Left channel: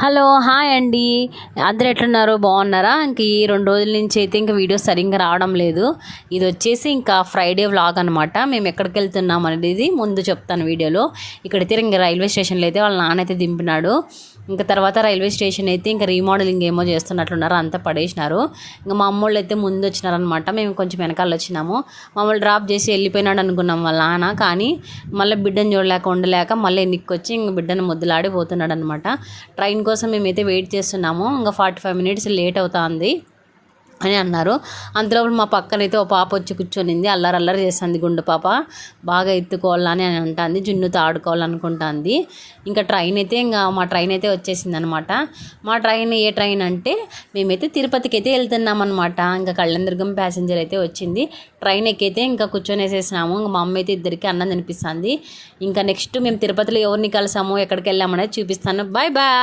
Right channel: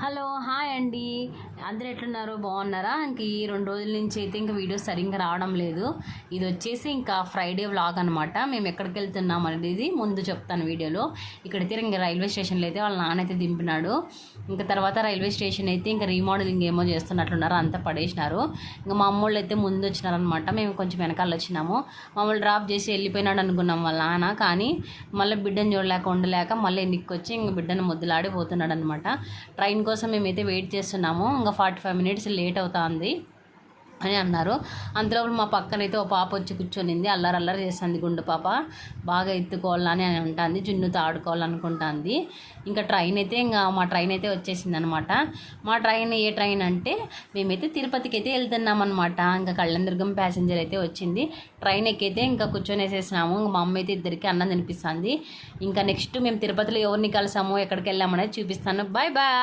Hello hi అండి. అందరు ఎట్లున్నారు, బాగున్నారా? ఇంక ఈ 2 రోజుల నుంచి అయితే ఇంకా వీడియో సరిగ్గా రావడం లేదు. ఇది వచ్చేసి ఇంకా ఫ్రైడే వ్లాగ్ అనమాట. మేము ఎక్కడికి వెళ్తున్నాం అనేది ముందు చెప్తాను వీడియోలో. ఇక్కడైతే ఇంకా రైల్వే స్టేషన్లో అయితే వాళ్ళ నాన్న అయితే దింపినాడు. ఇంకా తర్వాత రైల్వే స్టేషన్ అయితే ఇంకా రీమోడలింగ్ ఏమో చేస్తున్నట్లున్నారు, అంతా పడేసినారు. ఇంకా మా అమ్మోళ్ళు అయితే ముందు వచ్చినారనమాట, మేము కొంచెం వెనకాల వచ్చినాము. మమ్మల్ని డ్రాప్ చేసి వెళ్ళిపోయినాడు అనుకున్నాం వాళ్ళ నాన్న, కానీ మళ్ళీ బిడ్డను చూడలేక ఉండలేక మళ్ళీ ఎన్నిక్కి వచ్చి ఇంక బిడ్డను ముద్దులాడిపోతున్నాడు అనమాట. ట్రైన్ కోసం మేమైతే వెయిట్ చేస్తున్నాము. ఇంకా 45 మినిట్స్ లేట్ అవుతుంది అని అన్నారు. అంతలోపు మా పక్కనైతే ఓ పాప వచ్చి కూర్చొనింది, అల్లరి చేస్తుంది. గుండు పాప బాగా ఎత్తుకోవాలని అని అంటుంది, జున్నుతో ఆడుకోవాలనుకుంటుంది. ఇంకా ట్రైన్ అయితే మా ట్రైన్ అయితే వచ్చేసింది అనమాట. మా ట్రైన్ ఏ ట్రైన్ అంటే మేమైతే తిరుపతికి అయితే వెళ్తున్నాం అనమాట. ఇంకా కళ్యాణదుర్గం ప్యాసింజర్ అయితే వచ్చింది. ట్రైన్ ఎక్కైతే ఇంకా కూర్చొనేసేసినాము. ఇంకా మా అమ్మ అయితే ఇద్దరికి అన్నం తినిపిస్తుంది. ఇంకా నెక్స్ట్ మేము తిరుపతిలో ఎవరిని కలిసామో ఎక్కడికి వెళ్ళామనేది చూపిస్తాను. Bye bye.